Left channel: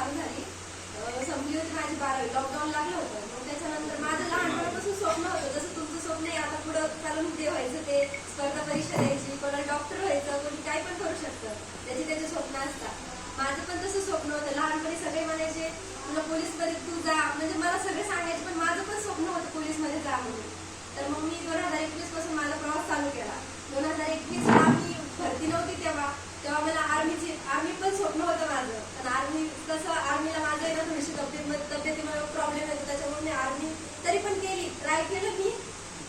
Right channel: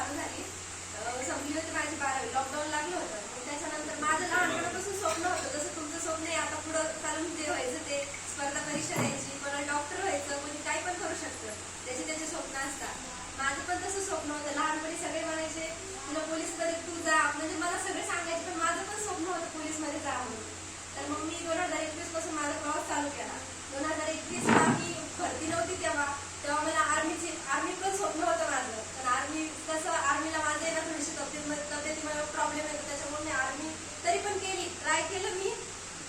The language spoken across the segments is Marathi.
चालू झाली, संपली होती माझी 12वी, लॉकडाऊन लागलं होतं. मग त्याच्यानंतर माझं लहानपणापासून स्वप्न होतं, जसं तुमचं स्वप्न आहे आता पुढं चालून ते व्हायचं, ते स्पर्धा परीक्षा द्यायची, कोणाला डॉक्टर व्हायचं, कोणी काही पण करू शकतं, त्याचे स्वप्न असतात. माझं पण तसं स्वप्न होतं. लहानपणी सगळे म्हणायचे तुला पोलीस मध्ये तू जा, म्हणजे मला सगळे सांगायचे, पण माझं पण स्वप्न होतं पोलीस मध्ये जा म्हणून. तर मग मी 2021 पासून माझा प्रवास चालू केला. 2021 ला मी भरती नव्हती तेव्हा मला आर्मी पण स्वप्न होतं माझं. पण आर्मी कसं, आर्मीला माझं आहे ना थोडीशी तब्येतीमध्ये प्रॉब्लेम येतो, त्याच्यामुळे मी आर्मी तरी पण केली, ट्राय केलं मी,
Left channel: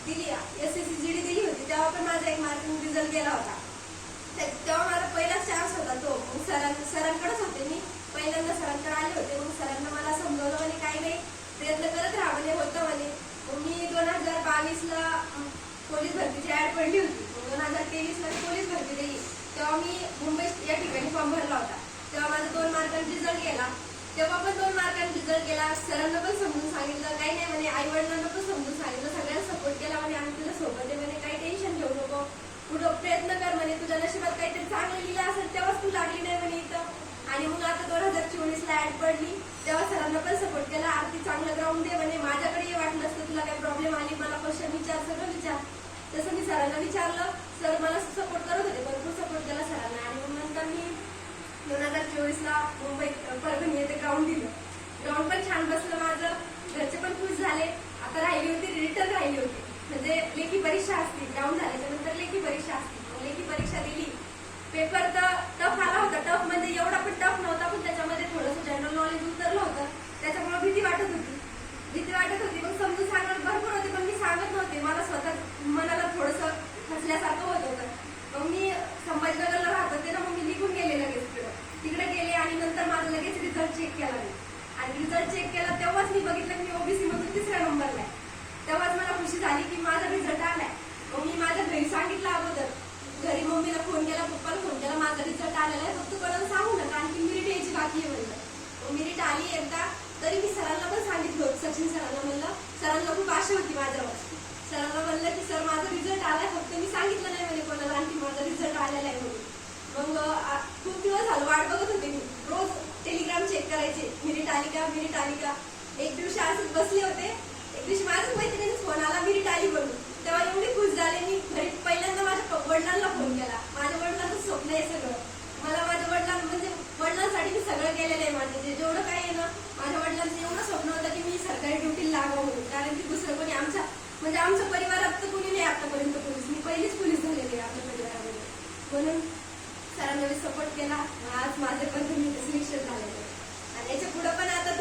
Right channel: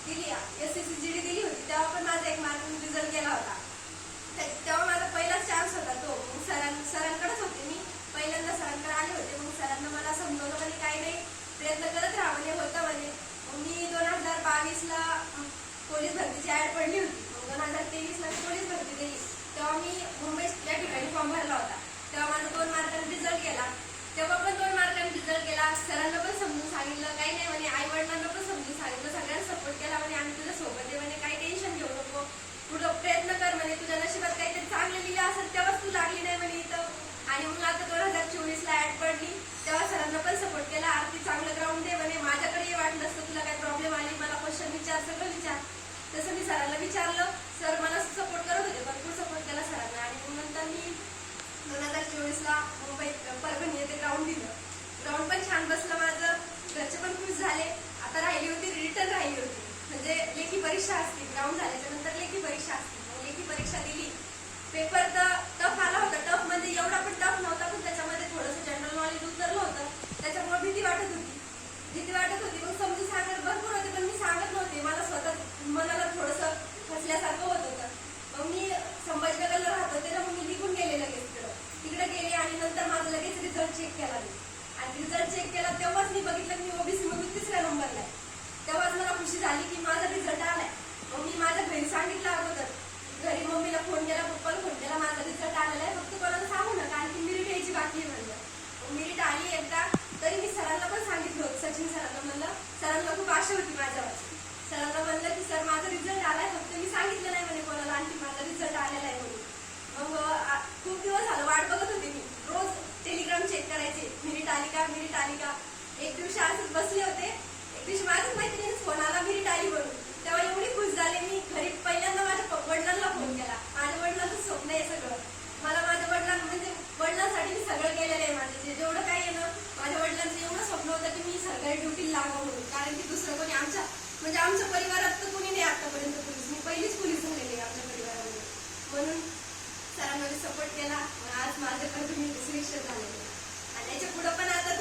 दिली. SSC GD दिली होती, तेव्हा पण माझा 1 मार्किंग रिझल्ट गेला होता. तेव्हा माझा पहिलाच चान्स होता तो. मग सरांकडेच होते मी, पहिल्यांदा सरांकडे आले होते. मग सरांना मला समजवलं म्हणे काही नाही, प्रयत्न करत राहा म्हणे, होतं म्हणे. मग मी 2022 ला पोलीस भरतीची ऍड पडली होती. मग 2023 ला पोलीस भरती दिली. तेव्हा मी मुंबई या ठिकाणी फॉर्म भरला होता. तेव्हा माझा 2 मार्कांनी रिझल्ट गेला. तेव्हा पण 2 मार्कांनी रिझल्ट गेला. सरांना पण समजून सांगितलं, काही नाही म्हणे, आई वडिलांना पण समजून सांगितलं, सगळ्यांना सपोर्ट केला म्हणे, आम्ही तुझ्या सोबत आहे म्हणे, काही टेन्शन घेऊ नको, पुढं प्रयत्न कर म्हणे, तुझ्या नशिबात काहीतरी चांगलं लिहिलं असेल तेव्हाच तू लागली नाही म्हणे इथं. आणि मग आता 2024 ला ऍड पडली, तेव्हा सरांना पण सपोर्ट केला, आरती चांगलं ग्राउंड दे म्हणे, माझ्याकडे वाटलं असतं तुला काही प्रॉब्लेम आली, मला क्वेश्चन विचार, सगळं विचार. तसं मी सरांना विचारलं, सर मला सपोर्ट करत होते, भरपूर सपोर्ट केला सरांना. आणि मग नंतर मी 2024 ला मुंबईत परभणी येथे ग्राउंड दिलं. ग्राउंड पण छान बसलं माझं, घरचे पण खुश झाले. आता राहिली होती, रिटर्न राहिली होती, म्हणजे लेखी परीक्षा असते. ग्राउंड झाल्याच्या नंतर लेखी परीक्षा असते. लेखी परीक्षा दिली. पेपर तर टफ आला होता, टफ म्हणजे एवढा पण टफ नव्हता, पण त्याच्यामध्ये थोडंसं जनरल नॉलेज उतरलं होतं, त्याच्यामुळे भीती वाटत होती. मग समजून सांगत भरपूर होते, पण मी सांगत नव्हते, मला स्वतः मनाला थोडंसं फसल्यासारखं होत होतं. मग मी संभाजीनगरला राहत होते ना, मग मी निघून गेले लगेच तिकडे गेले. आणि नंतर माझा लगेच रिझल्ट चेक केला मी, आणि रिझल्ट चेक केला तेव्हाच मी बघितलं की मी OBC मधून 3ऱ्या नंबरला आहे. तेव्हाच मला खुशी झाली की माझा रिझल्ट आलाय. मग मी माझ्या घरी सांगितलं अगोदर, घरी मम्मीला फोन केला, पप्पाला फोन केला, माझा रिझल्ट आलेला आहे, फक्त कोणाला सांगू नका, आणखी मेरिट यायची बाकी आहे म्हणलं. मग मेरिट आली एकदा, तरी मी सरांना पण सांगितलं होतं, सचिन सरांना म्हणलं, सरांना खूप आशा होती माझ्यावर. सरांना म्हणलं की सर माझा रिझल्ट आलाय, फक्त मी सांगितलं नाही म्हणे कोणाला, आणखी माझा रिझल्ट आलेला आहे म्हणून. मग खूप दिवस झालं वाट बघत होते मी, रोज टेलिग्राम चेक करायचे, मेरिट आली का. एक दिवशी असंच बसले होते, एक दिवशी माझ्या मैत्रिणीचा फोन आला, मेरिट आली म्हणून. तेव्हा एवढी खुश झाले मी. घरी पहिल्यांदा माझ्या वडिलांना फोन केला. माझ्या वडिलांचं स्वप्न आहे सगळं, मला माझ्या वडिलांसाठी मी सगळं केलेलं आहे. माझं जेवढं काय आहे ना, माझ्या वडिलांचं एवढं स्वप्न होतं की मी सरकारी ड्युटीला लागावं म्हणून, कारण की दुसरं कोणी आमच्या परिवारात तर कोणी नाही आतापर्यंत पोलीस, मी पहिलीच पोलीस झालेली आहे आपल्या परिवारामध्ये. म्हणून सरांना मी सपोर्ट केला, आज माझे पण तुम्ही सिलेक्शन झालेले. आणि याच्या पुढे पण आता